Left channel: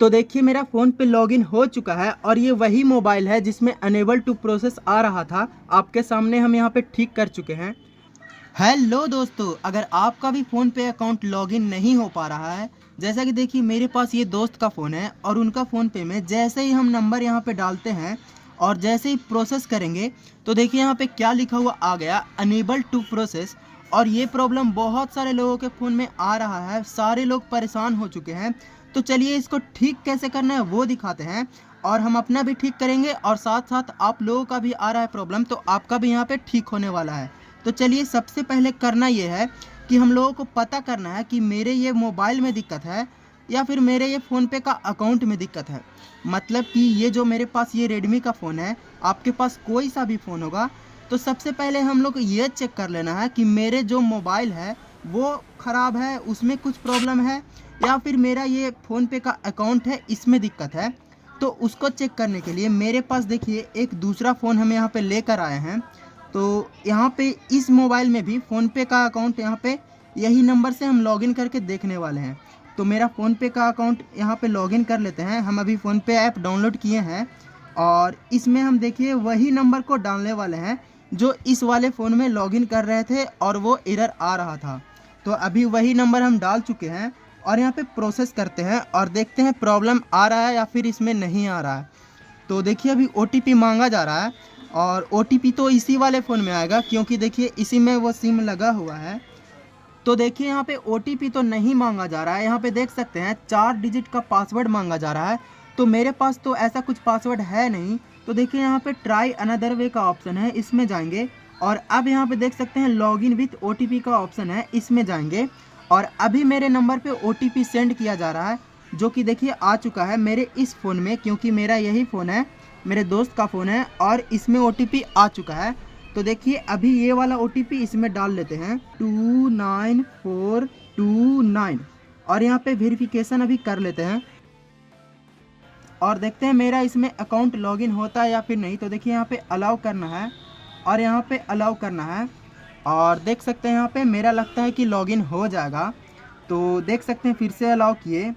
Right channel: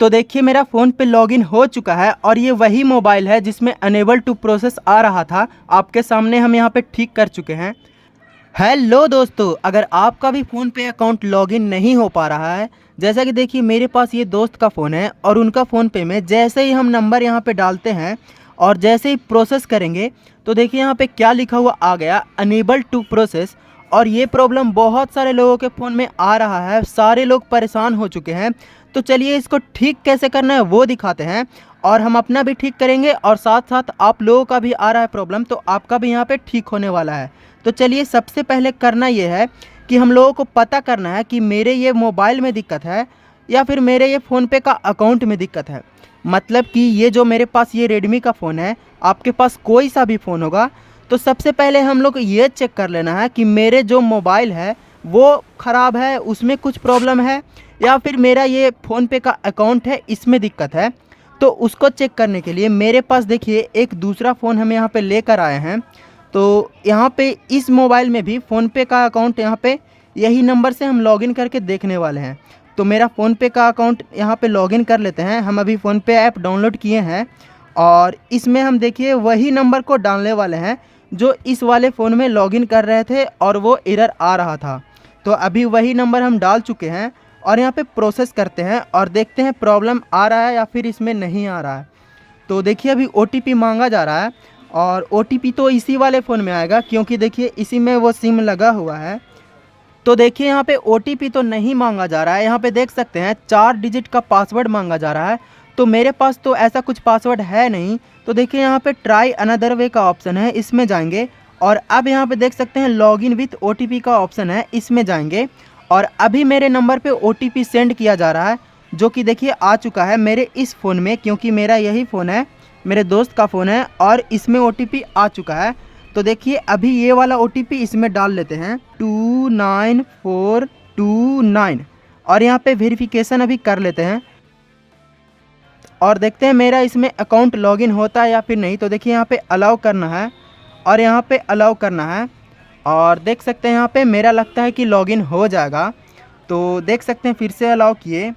तो देखिए मेरा फ़ोन पे लॉगिन हो चुका है और ये वही मोबाइल है जिसमें अनेबल टू प्रोसेस आ रहा था। आपके सामने हम यहाँ पे ठीक कर चुके हैं। हेलो दोस्तों, अगर आपका भी फ़ोन पे अकाउंट लॉगिन नहीं हो पा रहा है, जैसा कि देखिए मेरे पास ये दोस्त का फ़ोन है और उनका फ़ोन पे में जैसे ही हम नंबर यहाँ पे डालते हैं और जैसे ही प्रोसेस करेंगे तो देखिए यहाँ पे क्या लिखा हुआ आ गया, अनेबल टू प्रोसेस। और ये प्रॉब्लम बहुत सारे लोगों के फ़ोन में आ रहा है, सारे लोग परेशान हो चुके हैं। तो चलिए इसको ठीक कैसे करना है वो दिखाते हैं और हम अपना भी ठीक करेंगे और साथ साथ आप लोगों का भी आ रहा है प्रॉब्लम तो आपका भी यहाँ पे ठीक होने वाला है। तो चलिए सबसे पहले करना ये है कि हम लोगों को पता करना है कि मेरे ये मोबाइल में दिक्कत है या फिर मेरे ये फ़ोनपे का अकाउंट में दिक्कत है। मतलब कि ये जो मेरे पास ये रेडमी का फ़ोन है, आपके पास कोई सा भी फ़ोन होगा, तो सबसे पहले हम लोग ये चेक कर लेना है कि मेरे जो मोबाइल है वो ख़राब है, उसमें कुछ प्रॉब्लम है या फिर मेरा ये फ़ोनपे का अकाउंट है इसमें दिक्कत है। तो उसको चेक करने के लिए मेरे पास देखिए एक दूसरा फ़ोन हम यहाँ पे लेकर आए हैं। तो यहाँ पे इस मोबाइल में भी फ़ोनपे का अकाउंट यहाँ पे यही नंबर से हम लॉगिन करके देखने वाले हैं। तो मेरा फ़ोनपे का अकाउंट यहाँ पे लॉगिन कर लेते हैं। हम अभी फ़ोनपे ऐप डाउनलोड किए हैं और इसमें हम देखिए वही नंबर को डालने वाले हैं जो इस वाले फ़ोन में लॉगिन कर रहे थे और वो एरर आ रहा था। तो अभी वही नंबर हम डाल चुके हैं और यहाँ पे प्रोसेस करते हैं और देखते हैं प्रॉब्लम आ रहा है या फिर इसमें नहीं आ रहा है। तो देखिए अभी OTP मांगा जा रहा है और OTP तो इसी वाले फ़ोन में आएगा क्योंकि देखिए इसी में वो सिम लगा हुआ है। तो देखिए यहाँ पे OTP तो नहीं मांगा जा रहा है, यहाँ पे देख सकते हैं 4 डिजिट का पासवर्ड मांगा जा रहा है। तो मेरे पास तो ऐसा कुछ पासवर्ड है नहीं। तो देखिए यहाँ पे ट्राई अनदर वे का ऑप्शन है, इसमें जाएंगे और अब यहाँ पे देख सकते हैं लॉगिन विथ OTP का ऑप्शन है, इसमें जाएंगे और अभी मेरे नंबर पे OTP सेंड किया जा रहा है जो कि देखिए आ चुका है मेरे इस फ़ोन में, क्योंकि मेरा यही फ़ोन है, मेरे दोस्त का फ़ोन है और इसमें OTP आ चुका है। तो देखिए अभी ये वाला OTP इसमें डाल लेते हैं 29429 और यहाँ पे वेरिफिकेशन अभी कर लेते हैं और देखते हैं मेरा इसमें अकाउंट लॉगिन होता है या फिर नहीं। तो देखिए यहाँ पे अलाउ करना है और यहाँ पे अलाउ करना है और देख सकते हैं यहाँ पे मेरा लगता है कि लॉगिन हो जाएगा। तो देख सकते हैं फिर से अलाउ किए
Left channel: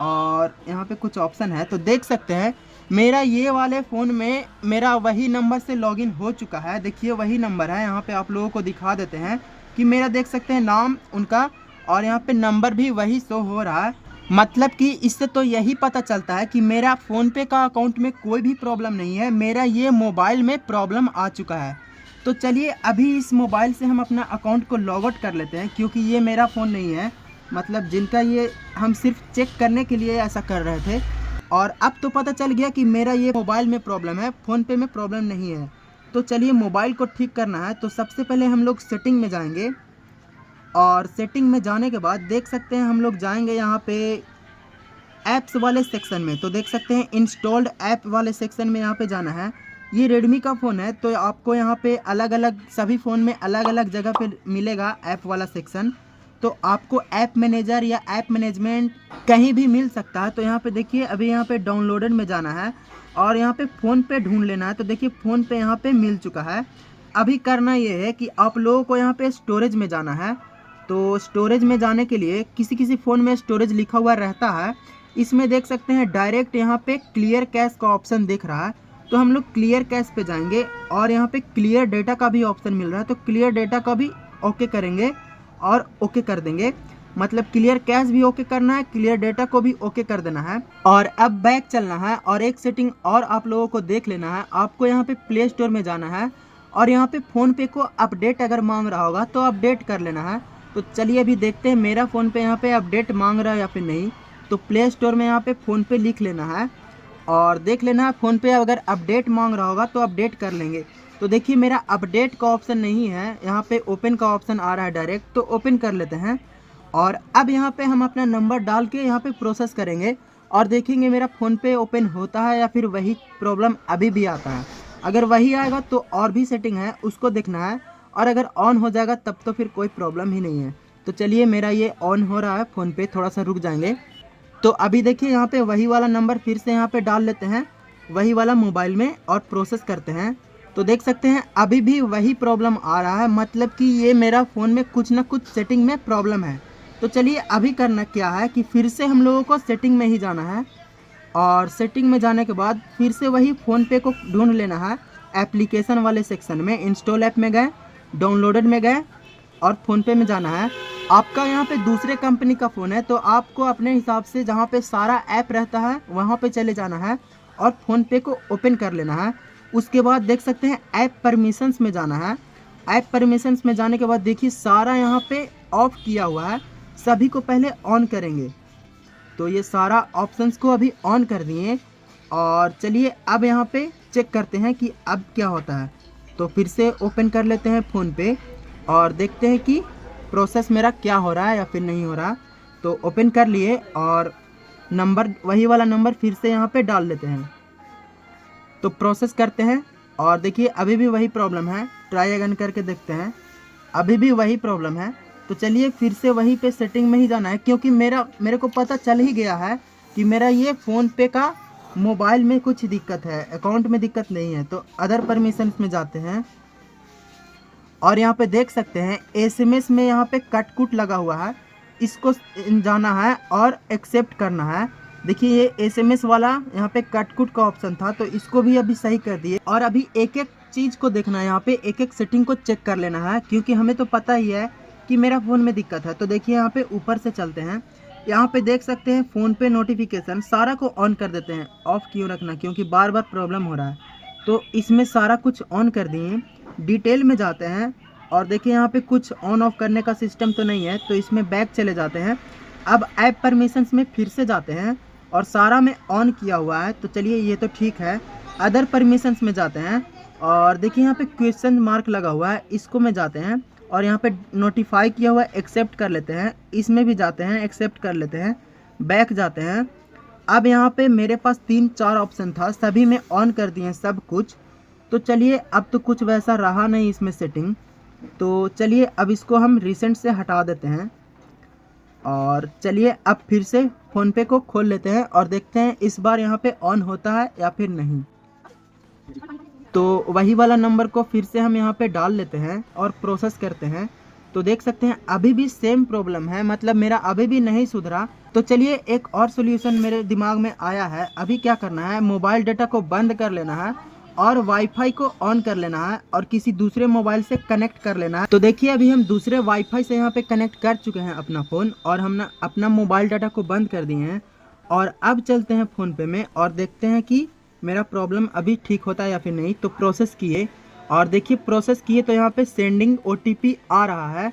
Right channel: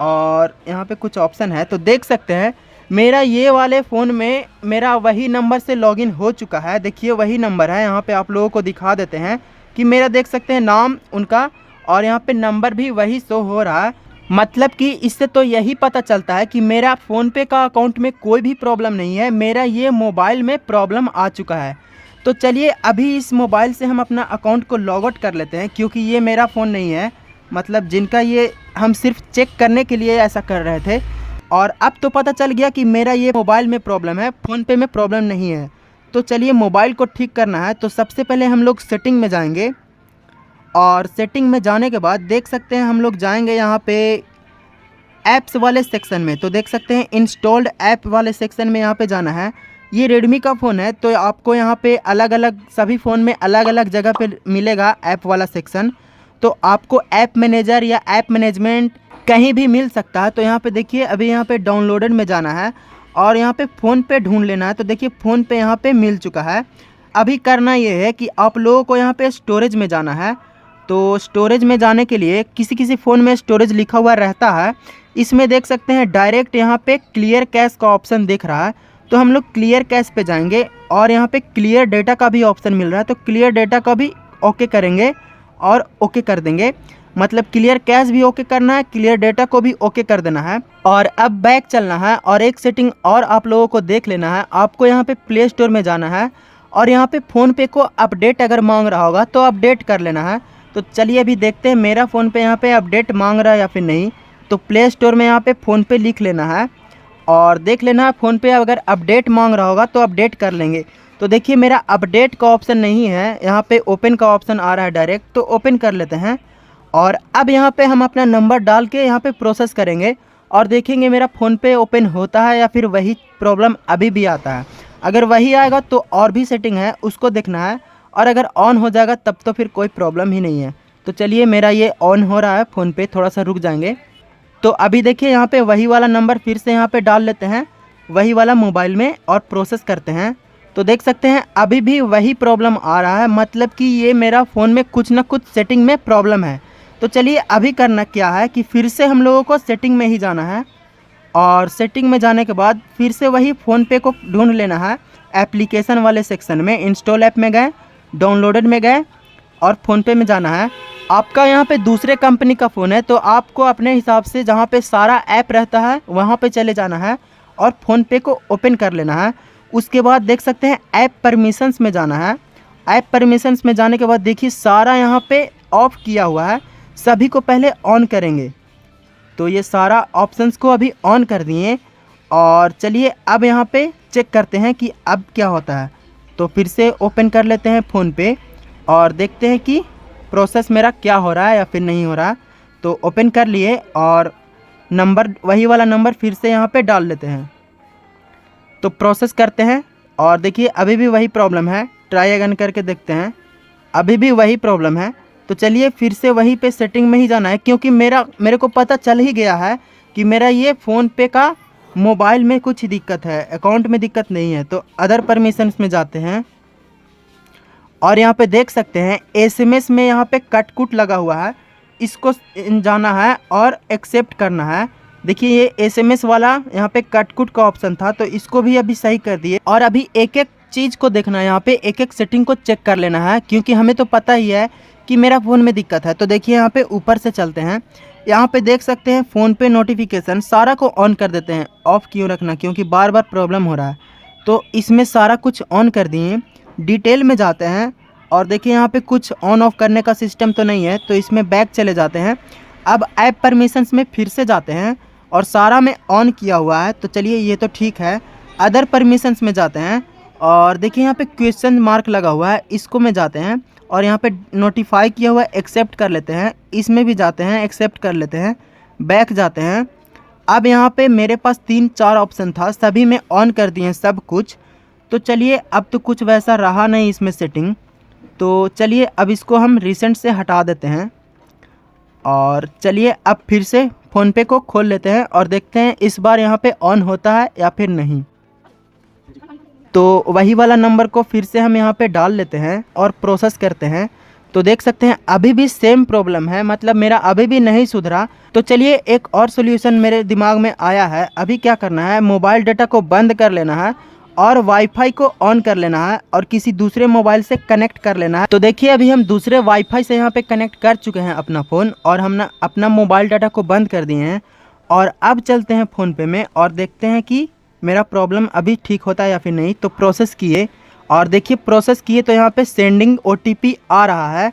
और यहाँ पे कुछ ऑप्शन है तो देख सकते हैं मेरा ये वाले फ़ोन में मेरा वही नंबर से लॉगिन हो चुका है। देखिए वही नंबर है, यहाँ पे आप लोगों को दिखा देते हैं कि मेरा देख सकते हैं नाम उनका और यहाँ पे नंबर भी वही शो हो रहा है। मतलब कि इससे तो यही पता चलता है कि मेरा फ़ोनपे का अकाउंट में कोई भी प्रॉब्लम नहीं है, मेरा ये मोबाइल में प्रॉब्लम आ चुका है। तो चलिए अभी इस मोबाइल से हम अपना अकाउंट को लॉग आउट कर लेते हैं क्योंकि ये मेरा फ़ोन नहीं है, मतलब जिनका ये हम सिर्फ चेक करने के लिए ऐसा कर रहे थे। और अब तो पता चल गया कि मेरा ये मोबाइल में प्रॉब्लम है, फ़ोनपे में प्रॉब्लम नहीं है। तो चलिए मोबाइल को ठीक करना है। तो सबसे पहले हम लोग सेटिंग में जाएंगे और सेटिंग में जाने के बाद देख सकते हैं हम लोग जाएंगे यहाँ पे ऐप्स वाले सेक्शन में। तो देख सकते हैं इंस्टॉल्ड ऐप वाले सेक्शन में यहाँ पे जाना है। ये रेडमी का फ़ोन है तो आपको यहाँ पे अलग अलग सभी फ़ोन में अलग अलग जगह पे मिलेगा ऐप वाला सेक्शन। तो आपको ऐप मैनेजर या ऐप मैनेजमेंट कहीं भी मिल सकता है। तो यहाँ पे देखिए अभी यहाँ पे डाउनलोडेड में जाना है और यहाँ पे फ़ोन पे ढूंढ लेना है। तो देखिए फ़ोन पे यहाँ पे मिल चुका है। अभी करना ये है कि आप लोगों को यहाँ पे स्टोरेज में जाना है। तो स्टोरेज में जाने के लिए किसी किसी फ़ोन में स्टोरेज लिखा हुआ रहता है, इसमें देख सकते हैं डायरेक्ट यहाँ पे क्लियर कैश का ऑप्शन दिख रहा है। तो हम लोग क्लियर कैश पे जाएंगे और यहाँ पे क्लियर डेटा का भी ऑप्शन मिल रहा है। तो क्लियर डेटा का भी ओके करेंगे और ओके कर देंगे, मतलब क्लियर कैश भी ओके करना है, क्लियर डेटा को भी ओके कर देना है। और अब बैक चलना है और एक सेटिंग और आप लोगों को देख लेना है। आपको यहाँ पे प्ले स्टोर में जाना है और यहाँ पे फ़ोनपे को अपडेट अगर मांग रहा होगा तो अपडेट कर लेना है। तो चलिए अभी देखते हैं मेरा फ़ोनपे यहाँ पे अपडेट मांग रहा है या फिर नहीं। तो प्ले स्टोर में यहाँ पे फ़ोनपे लिख लेना है और देख लेना है फ़ोनपे अगर अपडेट मांग रहा होगा तो अपडेट कर लेंगे। तो देखिए मेरा अपडेट का ऑप्शन नहीं है, यहाँ पे ओपन का ऑप्शन आ रहा है डायरेक्ट, तो ओपन कर लेते हैं और अब यहाँ पे हम अपना नंबर डाल के यहाँ पे प्रोसेस करेंगे और देखेंगे मेरा फ़ोनपे ओपन होता है या फिर वही प्रॉब्लम अभी भी आता है। अगर वही आएगा तो और भी सेटिंग है उसको देखना है और अगर ऑन हो जाएगा तब तो फिर कोई प्रॉब्लम ही नहीं है। तो चलिए मेरा ये ऑन हो रहा है फ़ोनपे, थोड़ा सा रुक जाएंगे। तो अभी देखिए यहाँ पे वही वाला नंबर फिर से यहाँ पे डाल लेते हैं वही वाला मोबाइल में और प्रोसेस करते हैं। तो देख सकते हैं अभी भी वही प्रॉब्लम आ रहा है, मतलब कि ये मेरा फ़ोन में कुछ ना कुछ सेटिंग में प्रॉब्लम है। तो चलिए अभी करना क्या है कि फिर से हम लोगों को सेटिंग में ही जाना है और सेटिंग में जाने के बाद फिर से वही फ़ोनपे को ढूंढ लेना है। एप्लीकेशन वाले सेक्शन में इंस्टॉल ऐप में गए, डाउनलोडेड में गए और फ़ोनपे में जाना है। आपका यहाँ पे दूसरे कंपनी का फ़ोन है तो आपको अपने हिसाब से जहाँ पे सारा ऐप रहता है वहाँ पे चले जाना है और फ़ोनपे को ओपन कर लेना है। उसके बाद देख सकते हैं ऐप परमिशंस में जाना है। ऐप परमिशंस में जाने के बाद देखिए सारा यहाँ पे ऑफ किया हुआ है, सभी को पहले ऑन करेंगे। तो ये सारा ऑप्शंस को अभी ऑन कर दिए और चलिए अब यहाँ पे चेक करते हैं कि अब क्या होता है। तो फिर से ओपन कर लेते हैं फ़ोनपे और देखते हैं कि प्रोसेस मेरा क्या हो रहा है या फिर नहीं हो रहा है। तो ओपन कर लिए और नंबर, वही वाला नंबर फिर से यहाँ पे डाल लेते हैं। तो प्रोसेस करते हैं और देखिए अभी भी वही प्रॉब्लम है। ट्राई अगेन करके देखते हैं, अभी भी वही प्रॉब्लम है। तो चलिए फिर से वहीं पे सेटिंग में ही जाना है, क्योंकि मेरे को पता चल ही गया है कि मेरा ये फ़ोनपे का मोबाइल में कुछ दिक्कत है, अकाउंट में दिक्कत नहीं है। तो अदर परमिशंस में जाते हैं और यहाँ पे देख सकते हैं एसएमएस में यहाँ पे कट कुट लगा हुआ है, इसको जाना है और एक्सेप्ट करना है। देखिए ये एसएमएस वाला यहाँ पे कट कुट का ऑप्शन था तो इसको भी अभी सही कर दिए। और अभी एक एक चीज़ को देखना है, यहाँ पे एक एक सेटिंग को चेक कर लेना है, क्योंकि हमें तो पता ही है कि मेरा फ़ोन में दिक्कत है। तो देखिए यहाँ पे ऊपर से चलते हैं, यहाँ पे देख सकते हैं फ़ोनपे नोटिफिकेशन सारा को ऑन कर देते हैं। ऑफ़ क्यों रखना, क्योंकि बार बार प्रॉब्लम हो रहा है। तो इसमें सारा कुछ ऑन कर दिए। डिटेल में जाते हैं और देखिए यहाँ पे कुछ ऑन ऑफ करने का सिस्टम तो नहीं है, तो इसमें बैक चले जाते हैं। अब ऐप परमिशंस में फिर से जाते हैं और सारा में ऑन किया हुआ है, तो चलिए ये तो ठीक है। अदर परमिशंस में जाते हैं और देखिए यहाँ पे क्वेश्चन मार्क लगा हुआ है, इसको में जाते हैं और यहाँ पे नोटिफाई किया हुआ है, एक्सेप्ट कर लेते हैं। इसमें भी जाते हैं, एक्सेप्ट कर लेते हैं, बैक जाते हैं। अब यहाँ पे मेरे पास 3-4 ऑप्शन था, सभी में ऑन कर दिए सब कुछ। तो चलिए अब तो कुछ वैसा रहा नहीं इसमें सेटिंग, तो चलिए अब इसको हम रिसेंट से हटा देते हैं और चलिए अब फिर से फ़ोनपे को खोल लेते हैं और देखते हैं इस बार यहाँ पे ऑन होता है या फिर नहीं। तो वही वाला नंबर को फिर से हम यहाँ पे डाल लेते हैं और प्रोसेस करते हैं। तो देख सकते हैं अभी भी सेम प्रॉब्लम है, मतलब मेरा अभी भी नहीं सुधरा। तो चलिए एक और सॉल्यूशन मेरे दिमाग में आया है। अभी क्या करना है, मोबाइल डाटा को बंद कर लेना है और वाईफाई को ऑन कर लेना है और किसी दूसरे मोबाइल से कनेक्ट कर लेना है। तो देखिए अभी हम दूसरे वाईफाई से यहाँ पे कनेक्ट कर चुके हैं अपना फ़ोन और हमने अपना मोबाइल डाटा को बंद कर दिए हैं। और अब चलते हैं फ़ोनपे में और देखते हैं कि मेरा प्रॉब्लम अभी ठीक होता है या फिर नहीं। तो प्रोसेस किए और देखिए प्रोसेस किए तो यहाँ पे सेंडिंग OTP आ रहा है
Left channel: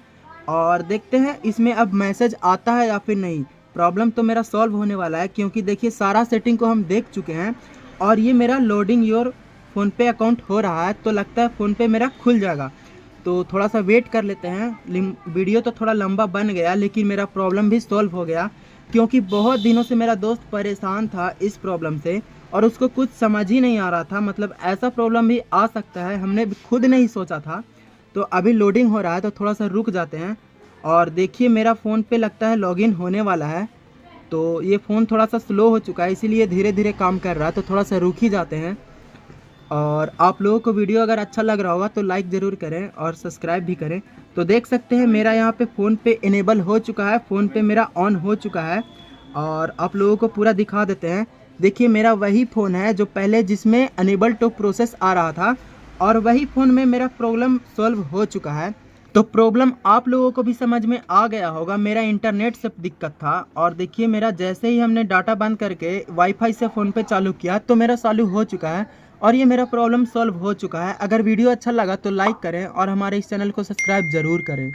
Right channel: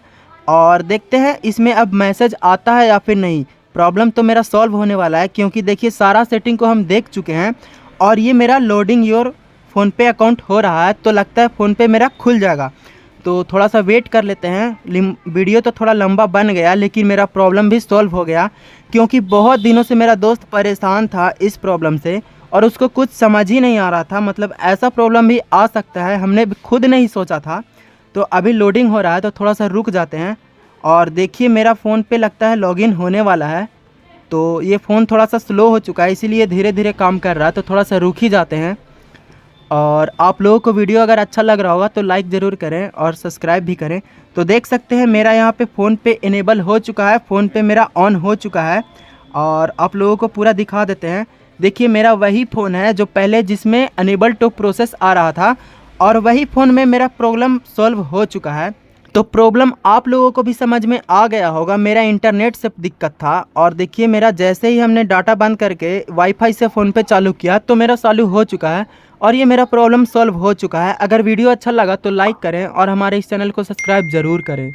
और देखते हैं इसमें अब मैसेज आता है या फिर नहीं। प्रॉब्लम तो मेरा सॉल्व होने वाला है, क्योंकि देखिए सारा सेटिंग को हम देख चुके हैं और ये मेरा लोडिंग योर फ़ोनपे अकाउंट हो रहा है। तो लगता है फ़ोनपे मेरा खुल जाएगा। तो थोड़ा सा वेट कर लेते हैं। वीडियो तो थोड़ा लंबा बन गया, लेकिन मेरा प्रॉब्लम भी सॉल्व हो गया, क्योंकि बहुत दिनों से मेरा दोस्त परेशान था इस प्रॉब्लम से और उसको कुछ समझ ही नहीं आ रहा था। मतलब ऐसा प्रॉब्लम भी आ सकता है, हमने खुद नहीं सोचा था। तो अभी लोडिंग हो रहा है, तो थोड़ा सा रुक जाते हैं और देखिए मेरा फ़ोन पे लगता है लॉगिन होने वाला है। तो ये फ़ोन थोड़ा सा स्लो हो चुका है, इसीलिए धीरे धीरे काम कर रहा है। तो थोड़ा सा रुक ही जाते हैं। और आप लोगों को वीडियो अगर अच्छा लग रहा होगा तो लाइक ज़रूर करें और सब्सक्राइब भी करें। तो देख सकते हैं मेरा यहाँ पे फ़ोनपे इनेबल हो चुका है, फ़ोनपे मेरा ऑन हो चुका है और आप लोगों को पूरा दिखा देते हैं। देखिए मेरा वही फ़ोन है जो पहले जिसमें अनेबल टू प्रोसेस आ रहा था और वही फ़ोन में मेरा प्रॉब्लम सॉल्व हो चुका है। तो प्रॉब्लम आप लोगों को भी समझ में आ गया होगा, मेरा इंटरनेट से दिक्कत था। और देखिए मेरा जैसे ही हमने डाटा बंद करके वाईफाई से फ़ोनपे चालू किया तो मेरा चालू हो चुका है और ये मेरा प्रॉब्लम सॉल्व हो चुका है। अगर वीडियो अच्छा लगा तो लाइक करें और हमारे इस चैनल को सब्सक्राइब ज़रूर करें।